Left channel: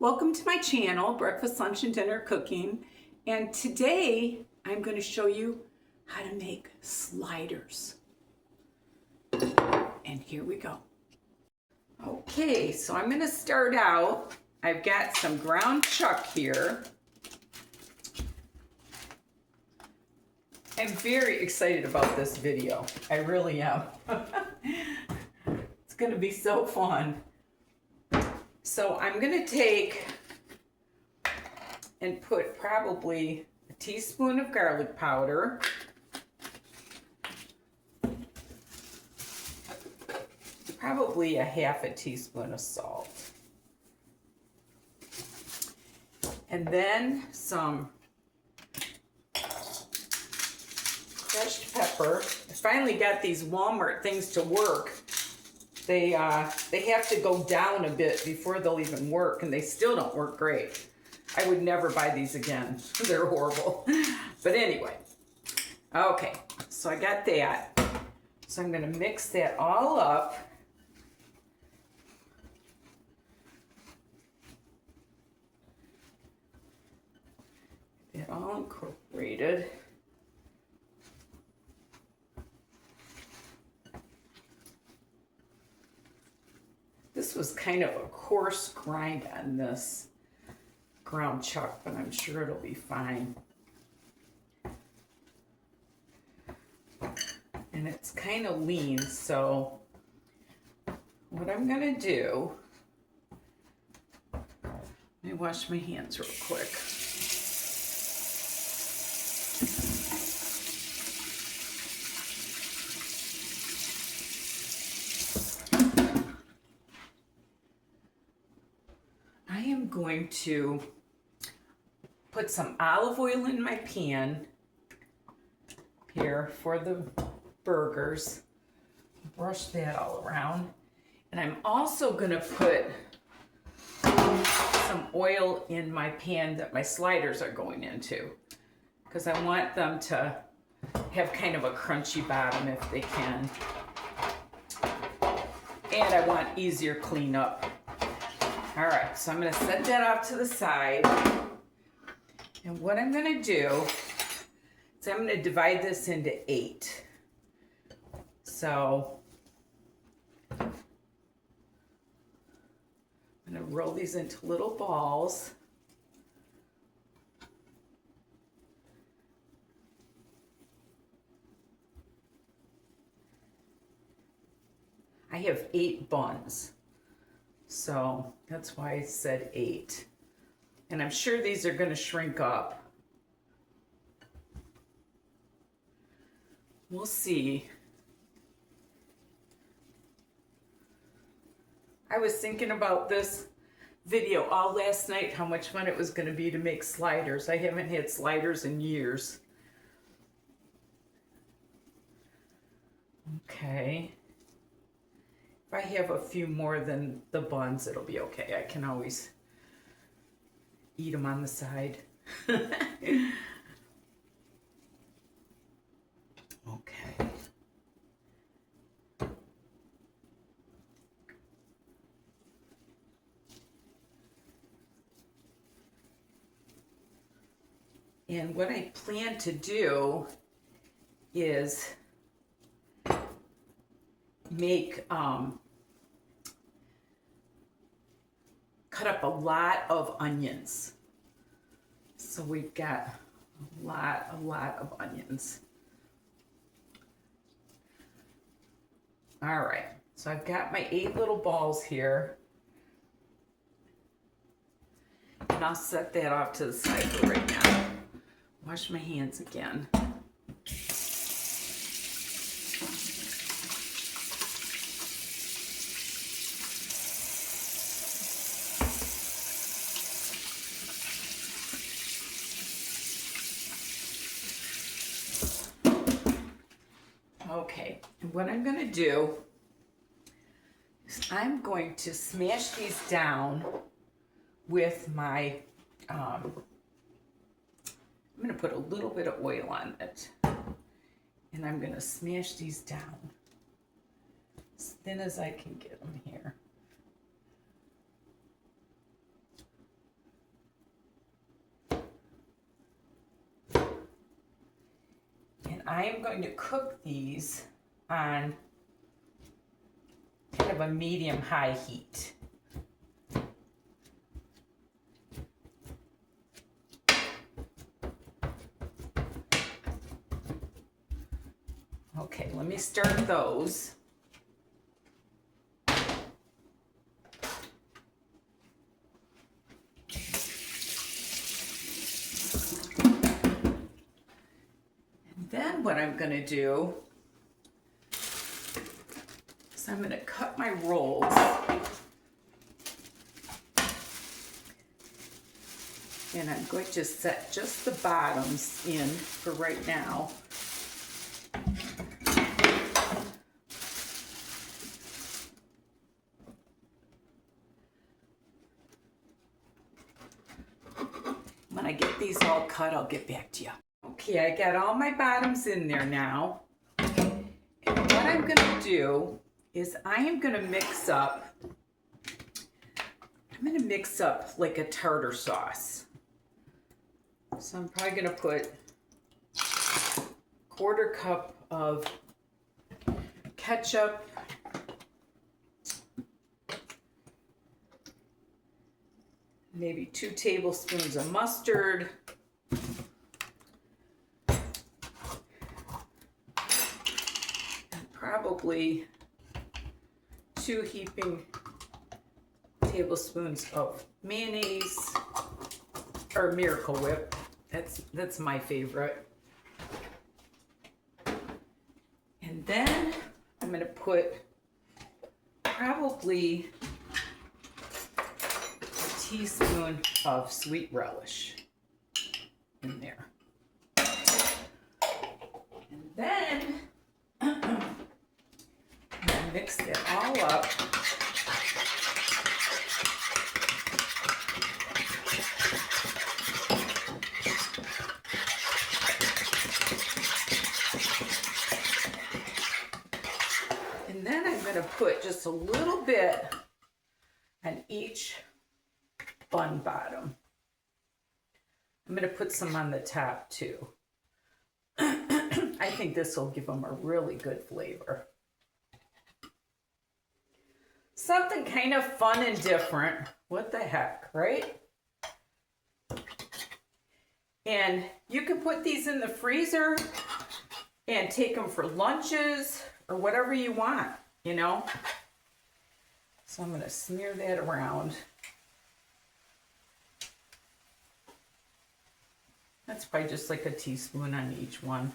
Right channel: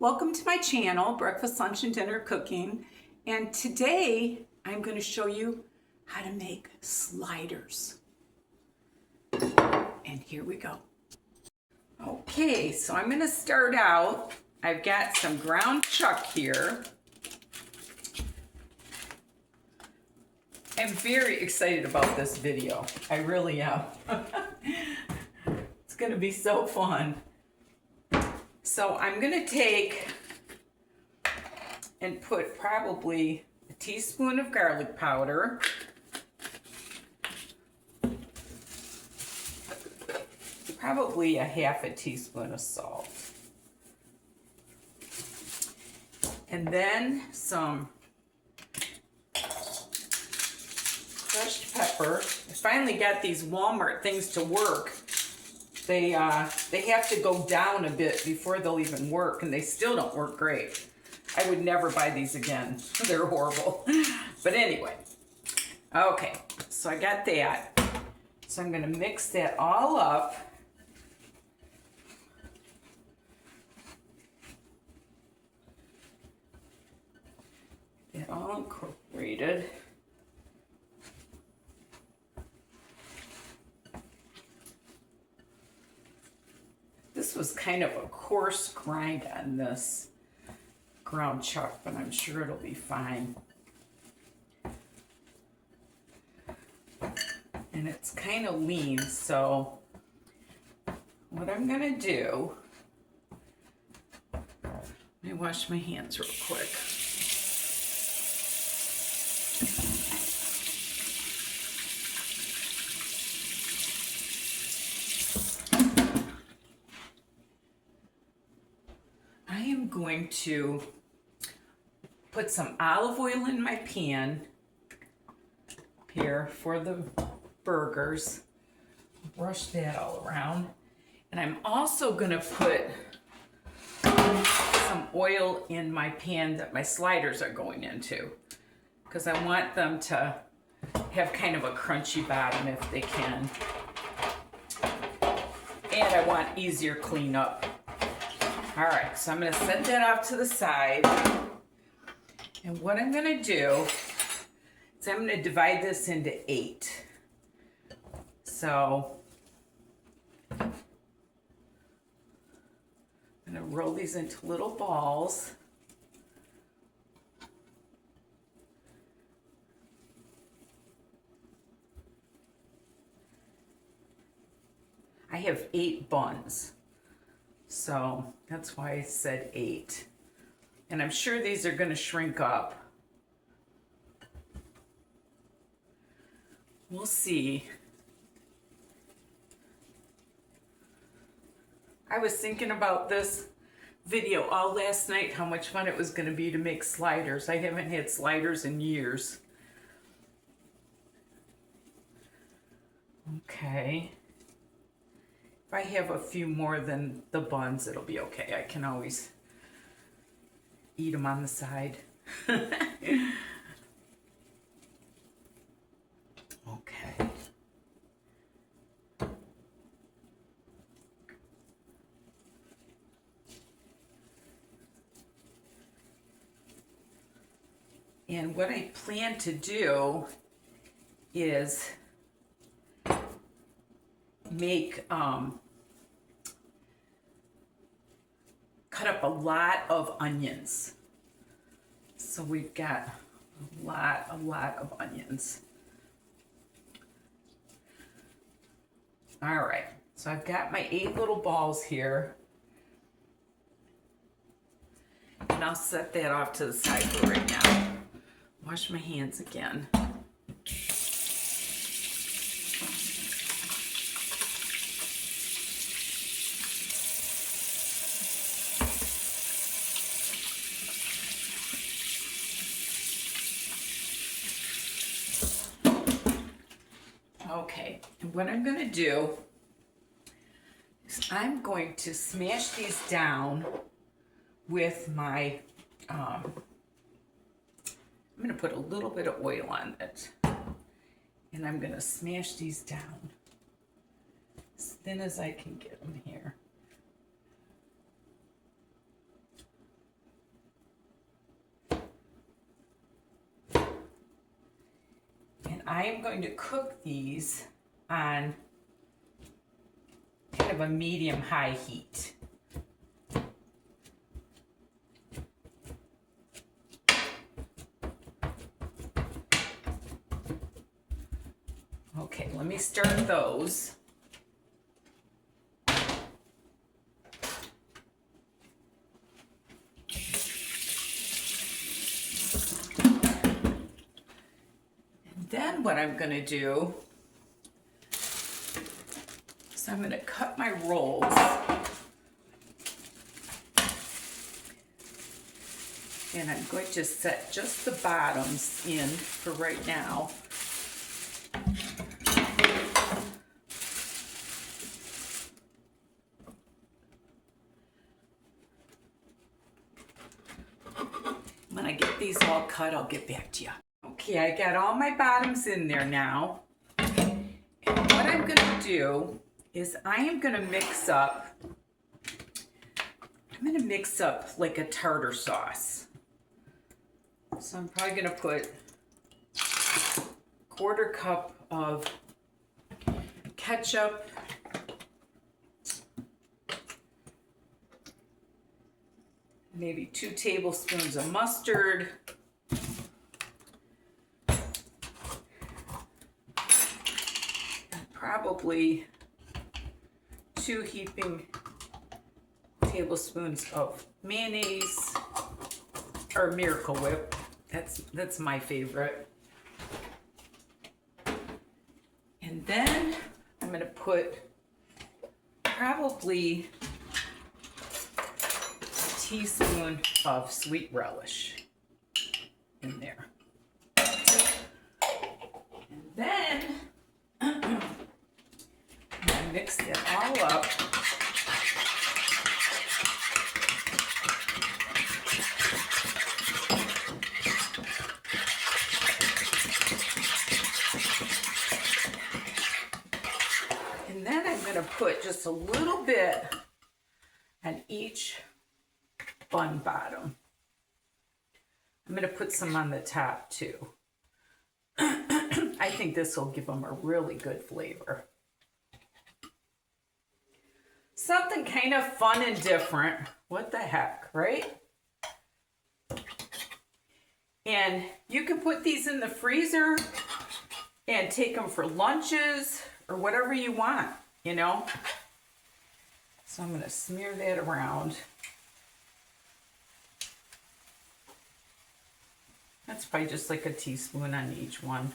Welcome to my channel, Breakfast, Lunch, and Dinner Cooking. And today I'm going to show you how to make sliders. And here we go. Okay, so I'm going to start out. I've got some ground chuck here. I'm very excited about this video. I really am. It's going to be so fun. So I'm going to take and put probably a teaspoon of garlic powder, probably a half a teaspoon of salt, and then some crushed pepper. I finally got these Walmart things to work. They have to go down a bit before they'll even work, and they still don't work great. I would never buy these again. They're horrible. But anyway, okay, so I got that. So I'm going to mix that all up. Get that all incorporated. This was kind of a coarse grind on this ground chuck, but I'm sure it'll be fine. And it's kind of lean, so what I'm gonna do, let me wash my hands real quick. Going to put some olive oil in my pan here for the burgers. Brush that all around. And I'm also going to put some oil in my pan that my sliders are going into, because I want them to have kind of a crunchy bottom if they can. And I want easier cleanup. All right, so I'm going to set that off to the side. And what I'm going to do is I'm going to divide this into 8. So I'm going to roll these into little balls. I have 8 buns. So that's why I said 8. And I'm sure these are going to shrink up. We'll see. I was thinking about this video all last night, how much fun it was going to be to make sliders. I haven't had sliders in years. Okay. If I have a few more than the buns, it'll be okay. I can always eat them on the side. Okay. And what I plan to do is make cut up a lot of onions. So we've got a lot of onions. All right, so I've got my 8 little balls here, and I'll set that off to the side for right now. Wash my hands again. Okay, and what I'm going to do is I'm going to smash these down with my, I'm going to put a little bit of oil on it, and I'm going to smash these down as thin as I can get them here. I am going to cook these on kind of a medium-high heat. Okay, let me start those. Then what I'm going to do is I'm going to cut my rolls. And I'm going to set just the bottoms in for right now. When I get these all cut, I'll get back to you. Okay, I got all my bottoms in there now. And what I'm gonna do is I am gonna mix up like a tartar sauce. So I'm probably gonna put a 1/4 cup of ketchup, maybe 2 tablespoons of mustard, and probably 2 heaping tablespoons of mayonnaise or Miracle Whip. That's my favorite. And then I'm going to put probably a teaspoon of sweet relish in there. And then I'm going to mix it all up. And then I'm going to put just a little bit on each bun bottom. I'm going to put some on the top too. I think this will give them a really good flavor. Something kind of fun and different. What the heck, right? And you can put these in the freezer and take them for lunches or whatever you want, you know? So I'm going to smear that around. That's probably just like a teaspoon on each one.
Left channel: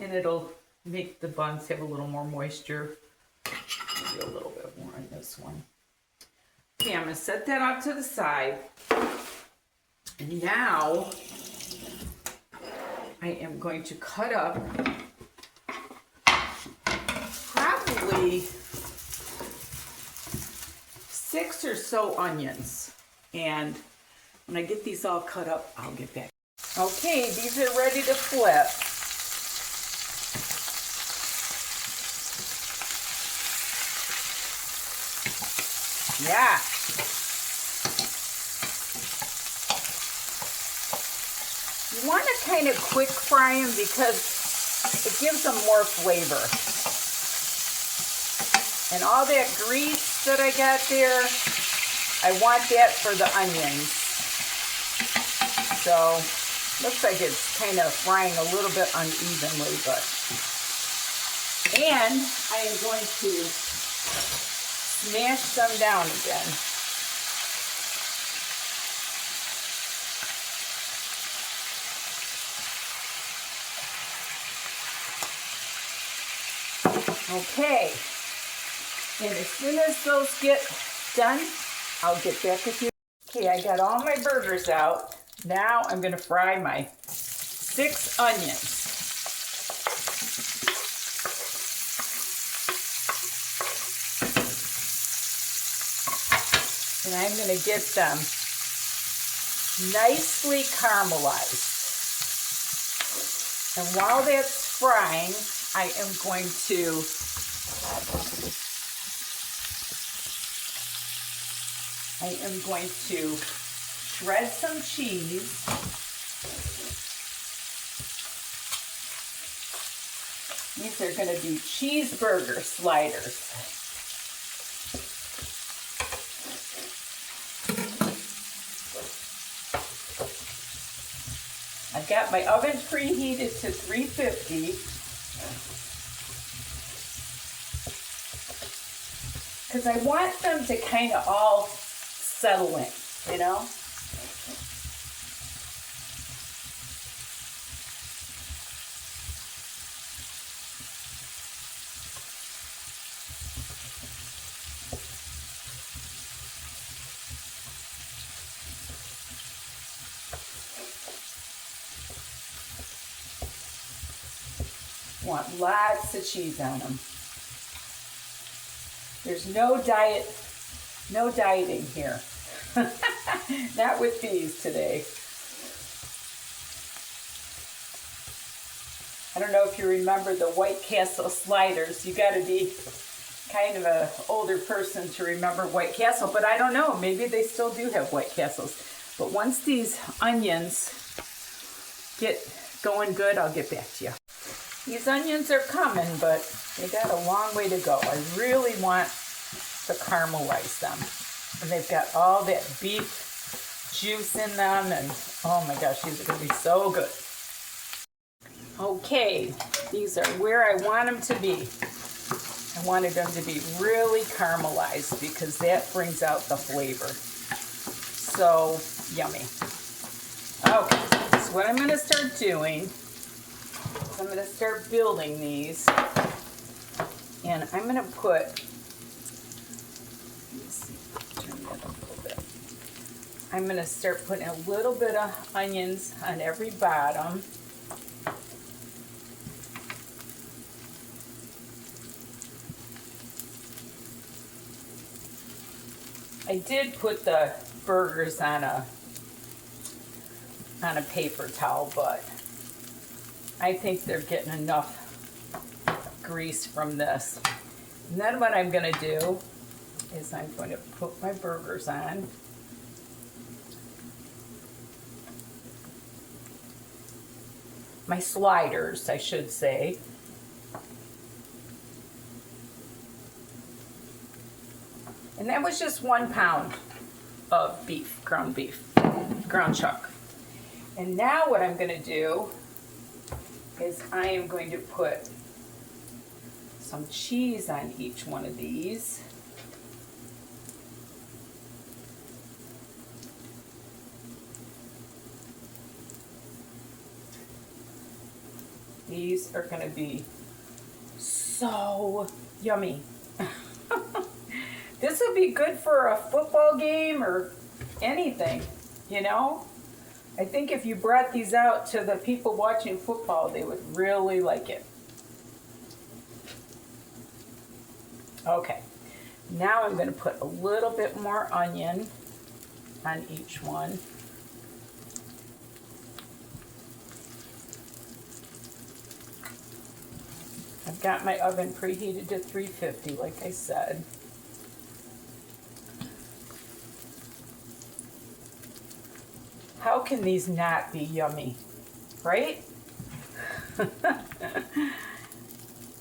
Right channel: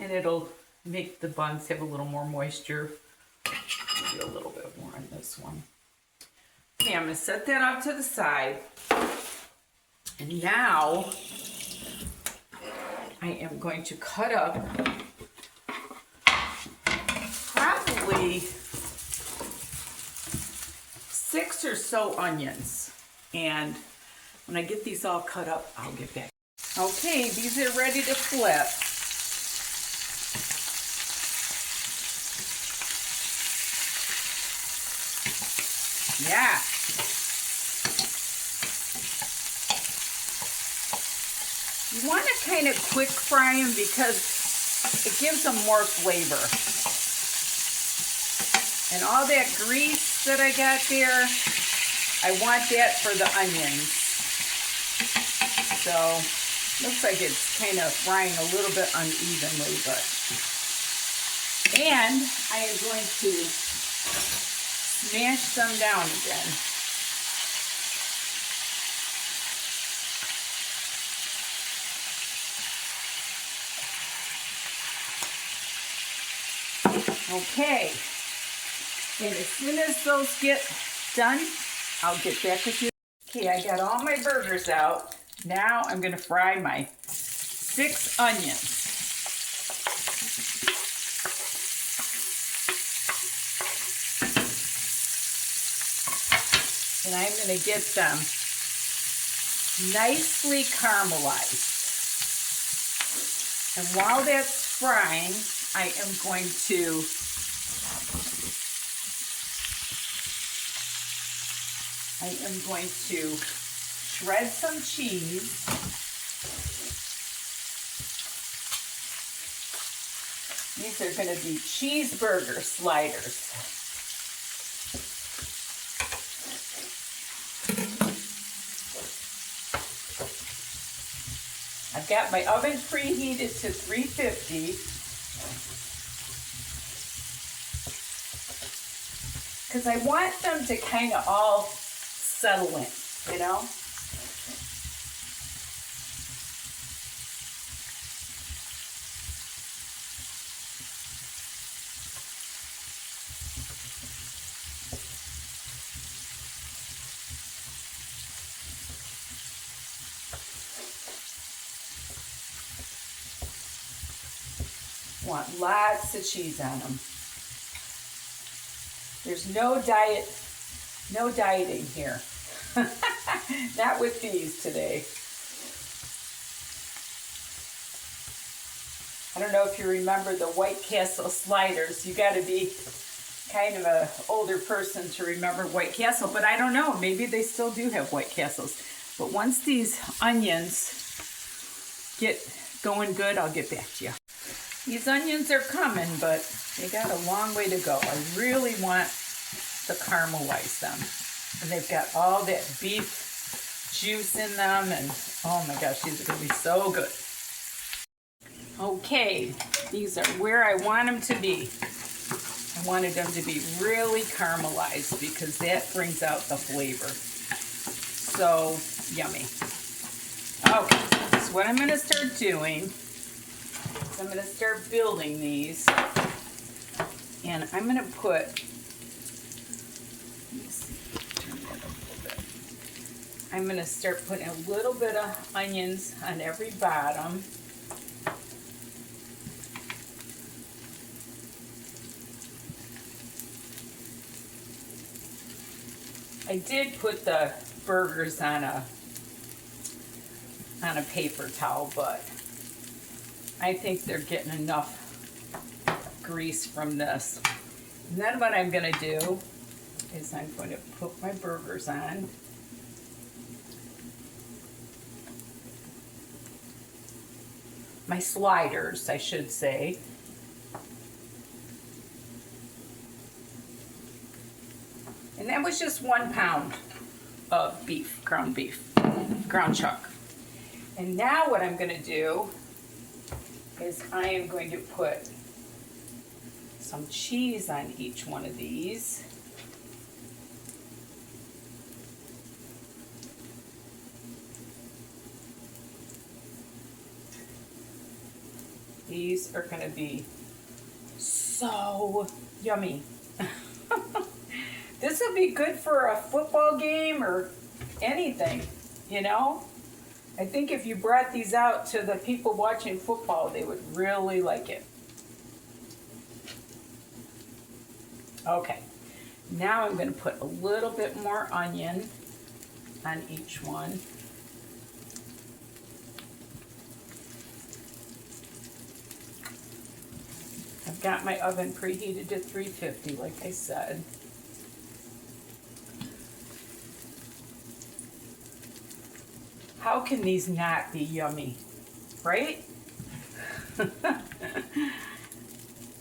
And it'll make the buns have a little more moisture. Maybe a little bit more on this one. Okay, I'm going to set that off to the side. And now I am going to cut up probably 6 or so onions. And when I get these all cut up, I'll get back. Okay, these are ready to flip. Yeah. You want to kind of quick fry them because it gives them more flavor. And all that grease that I got there, I want that for the onions. So, looks like it's kind of frying a little bit unevenly, but. And I am going to smash them down again. Okay, and as soon as those get done, I'll get back with you. Okay, I got all my burgers out. Now I'm going to fry my 6 onions. And I'm going to get them nicely caramelized. And while that's frying, I am going to shred some cheese. These are going to be cheeseburger sliders. I've got my oven preheated to 350 because I want them to kind of all settle in, you know? Want lots of cheese on them. There's no dieting here. Not with these today. I don't know if you remember the White Castle sliders. You got to be kind of an older person to remember White Castle, but I don't know. Maybe they still do have White Castles. But once these onions get going good, I'll get back to you. These onions are coming, but they got a long way to go. I really want to caramelize them. And they've got all that beef juice in them, and oh my gosh, these are going to be so good. Okay, these are where I want them to be. I wanted them to be really caramelized because that brings out the flavor. So yummy. Okay, so what I'm going to start doing, I'm going to start building these, and I'm going to put, let's turn that up a little bit. I'm going to start putting a little bit of onions on every bottom. I did put the burgers on a paper towel, but I think they're getting enough grease from this. And then what I'm going to do is I'm going to put my burgers on. My sliders, I should say. And that was just 1 pound of beef, ground chuck. And now what I'm going to do is I am going to put some cheese on each one of these. These are going to be so yummy. This would be good for a football game or anything, you know? I think if you brought these out to the people watching football, they would really like it. Okay, now I'm going to put a little bit more onion on each one. I've got my oven preheated to 350, like I said. How can these not be yummy, right?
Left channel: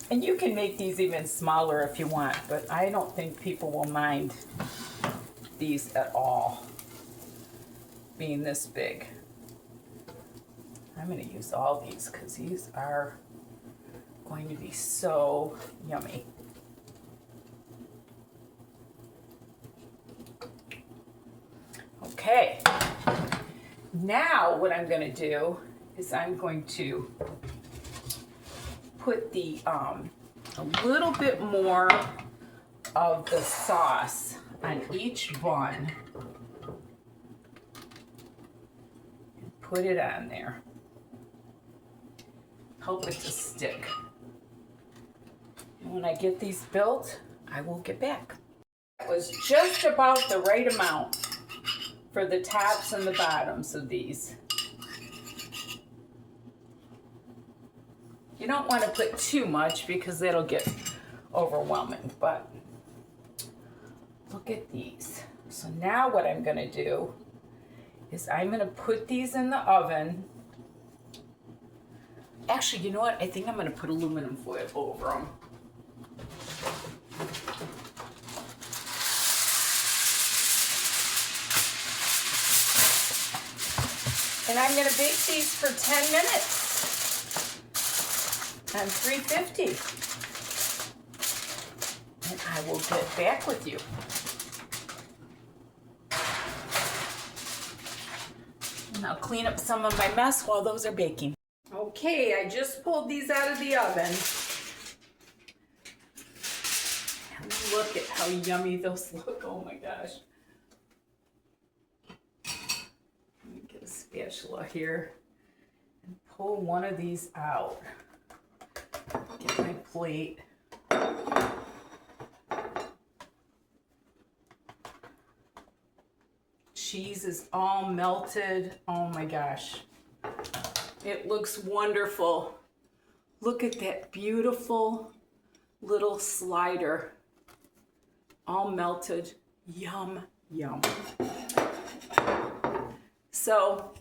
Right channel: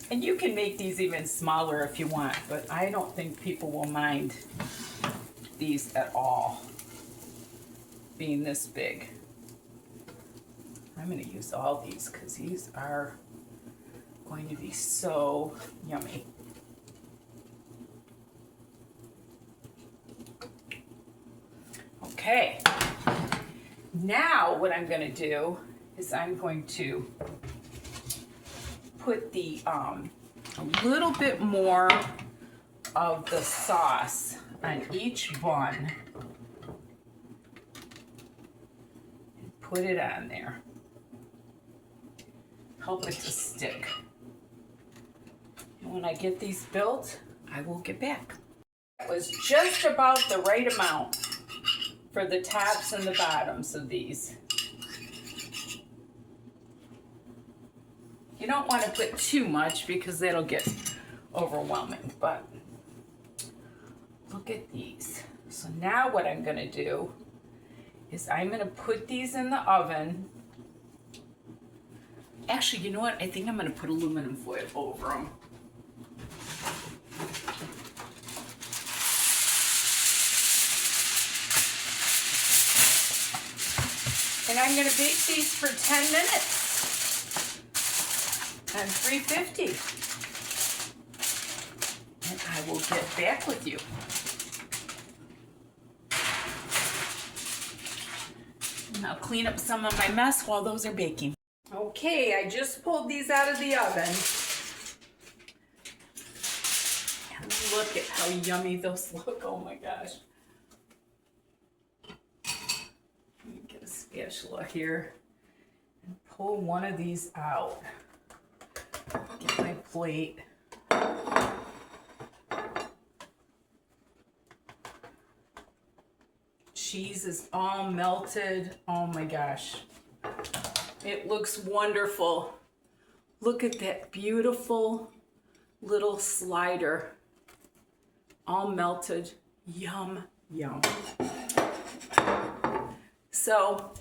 And you can make these even smaller if you want, but I don't think people will mind these at all being this big. I'm going to use all these because these are going to be so yummy. Okay. Now what I'm going to do is I'm going to put the a little bit more of the sauce on each bun and put it on there. Help it to stick. When I get these built, I will get back. It was just about the right amount for the tops and the bottoms of these. You don't want to put too much because it'll get overwhelming, but look at these. So now what I'm going to do is I'm going to put these in the oven Actually, you know what? I think I'm going to put aluminum foil over them. And I'm going to bake these for 10 minutes on 350. And I will get back with you. And I'll clean up some of my mess while those are baking. Okay, I just pulled these out of the oven. And look at how yummy those look. Oh my gosh. Let me get a spatula here and pull one of these out. Get my plate. Cheese is all melted. Oh my gosh. It looks wonderful. Look at that beautiful little slider. All melted. Yum, yum. So,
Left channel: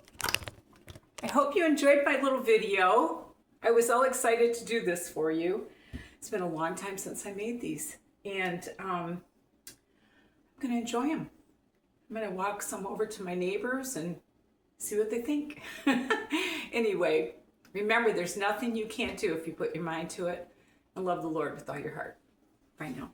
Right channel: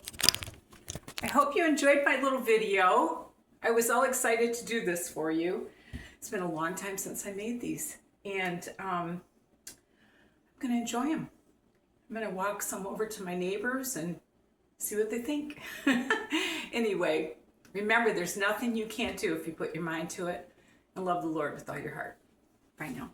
I hope you enjoyed my little video. I was all excited to do this for you. It's been a long time since I made these. And I'm going to enjoy them. I'm going to walk some over to my neighbors and see what they think. Anyway, remember, there's nothing you can't do if you put your mind to it, and love the Lord with all your heart. Bye now.